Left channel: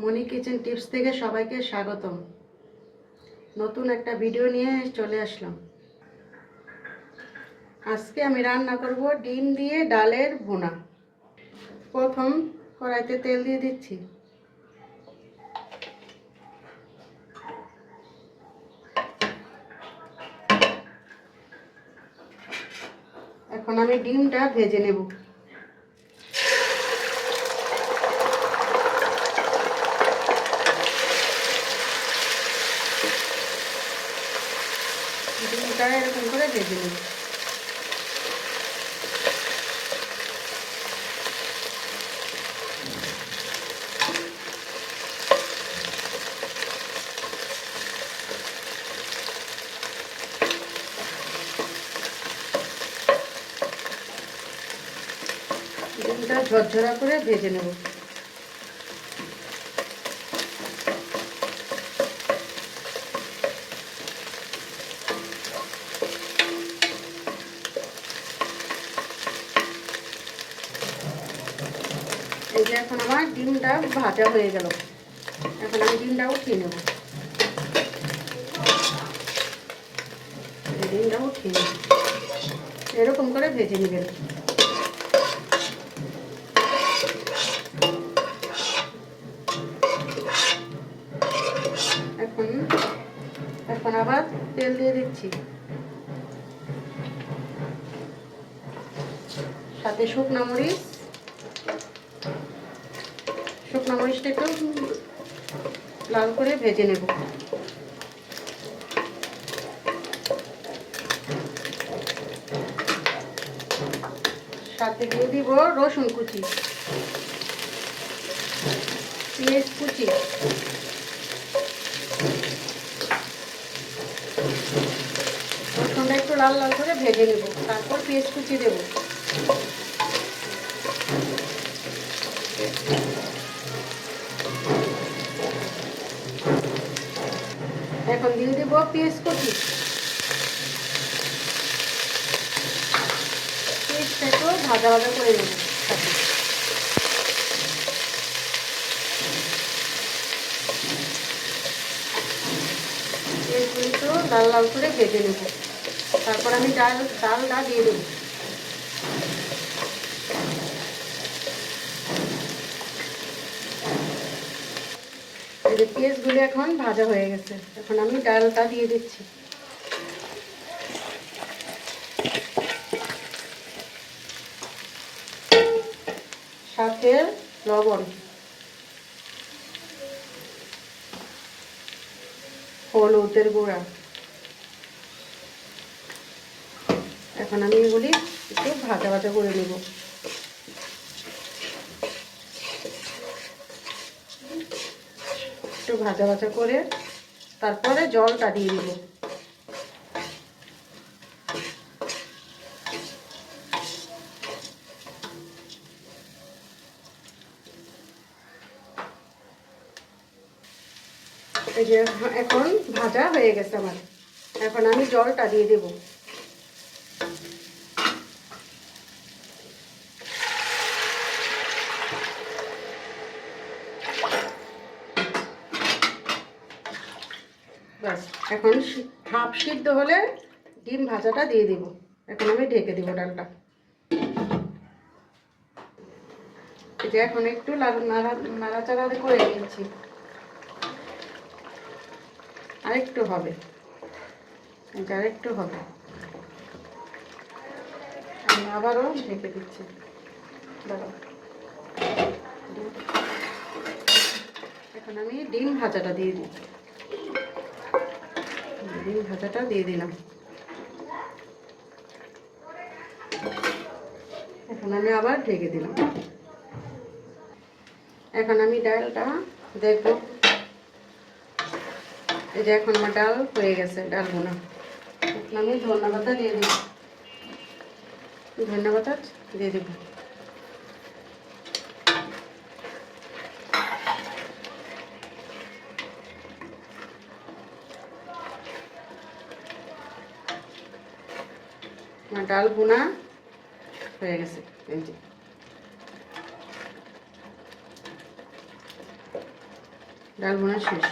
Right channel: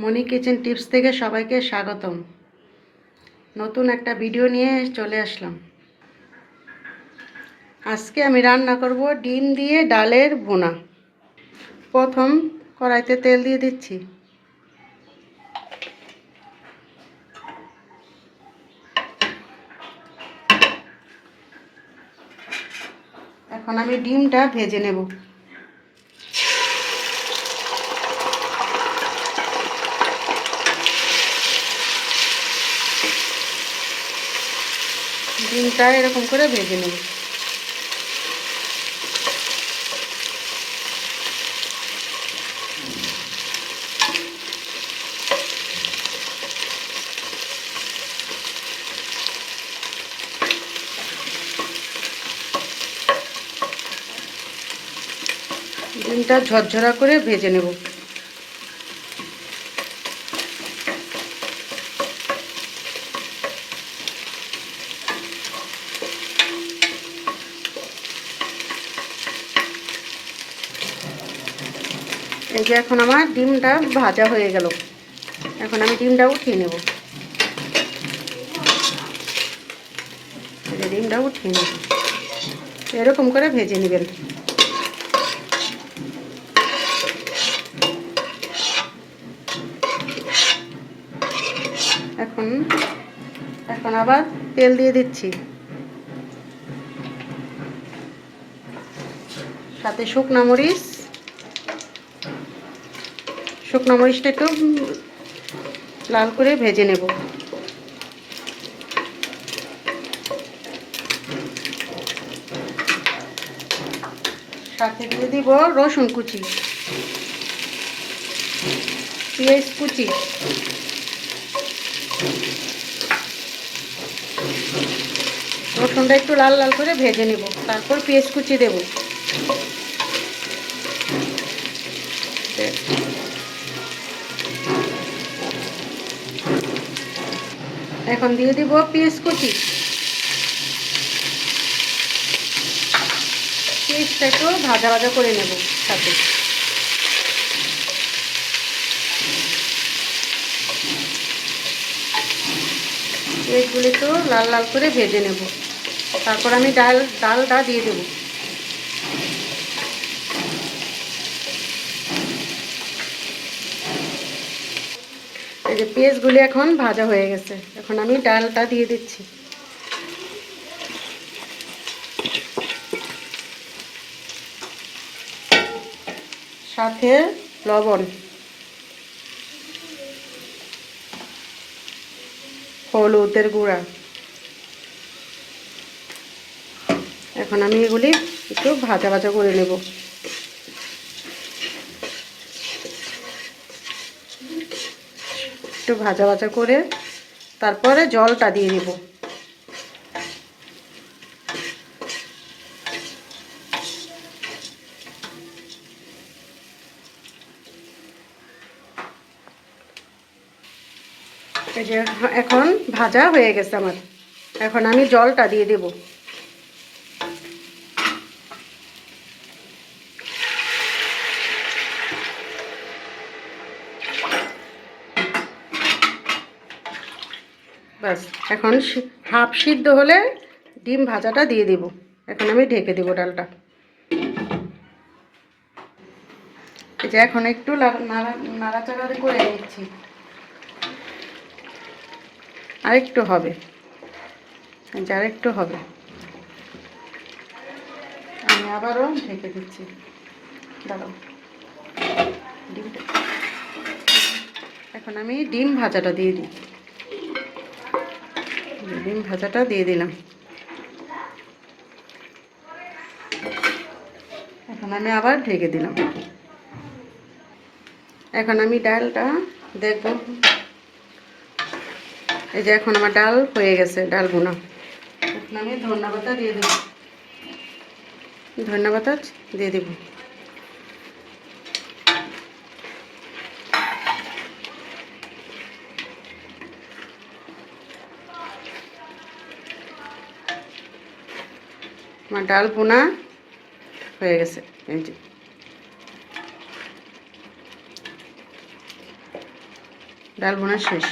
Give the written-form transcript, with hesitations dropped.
মনি kitchen tips থেকে সবাইকে স্বাগতম। নতুন একটা ভিডিও নিয়ে চলে আসলাম। আজকে আমি রান্না করব ডিম দিয়ে ডালের ভুনা। প্রথম কড়াইতে তেল দিয়ে দিচ্ছি। এখন আমি ডিমটা ভেজে নেব। ডিমটা এরকম করে ভেজে নেব। ডিমটা ঝরঝরা করে ভেজে নেব। এই যে এখন আমার ডিমটা ভাজা হয়ে গেল। এখন আমি ডিমটা উঠিয়ে নেব। ডিমটা উঠিয়ে নেব, এরকম করে ভেজে নেবেন। এখন আবার তেল দিয়ে দিচ্ছি, সাথে শুকনো মরিচটা একটু লাল করে ভেজে নেব। সাথে দিয়ে দিব রসুন কুচি, পেঁয়াজ কুচি, রসুনটা একটু লাল লাল করে ভেজে নেব। তারপর পেঁয়াজ কুচি দেব। এখন দিয়ে দিব পেঁয়াজ কুচি। পেঁয়াজটা একটু ভাজা ভাজা করে নেব। সাথে এইগুলি তো লাল লাল করে ভেজে নেব। তারপর আমি ডালটা দিয়ে দেব। এই যে পেঁয়াজগুলি এখন ভাজা হয়ে গেছে, এখন আমি ডালটা দিয়ে দিচ্ছি। সাথে লবণ, হলুদের গুঁড়া। এখন আমি এগুলি একটু ভাজা ভাজা করে নেব। একটু ভাজা ভাজা করে তারপরে জলটা দিয়ে দিব। এই যে এখন ভাজা হয়ে গেছে আমার, এখন আমি জলটা দিয়ে দেব। ব্যাস, এখন হাফ সিদ্ধ হলে ডিম ভাজাটা দিয়ে দেব। এখন আমি ঢেকে দেব ডালটা। এই যে এখন একটু নাড়াচাড়া করে নিচ্ছি। আরেকটু হবে, আরেকটু হবে। আমি আবারও ঢেকে দিচ্ছি। দাঁড়াও, এখন আমি ডিম ভাজাটা দিয়ে দিই। ডিম ভাজাটা দিয়ে দিলাম। এখন আমি আবার ঢেকে দিলাম। এখন আমি ডালটা দেখব। এই যে এখন আমার ডাল হয়ে গেছে, ডাল ভুনা। এখন আমি ধনিয়া পাতা দিয়ে দেব। ধনিয়া পাতা দিয়ে দেব। আমার ডাল ভুনা হয়ে গেছে। এই যে ডাল ভুনা শেষ।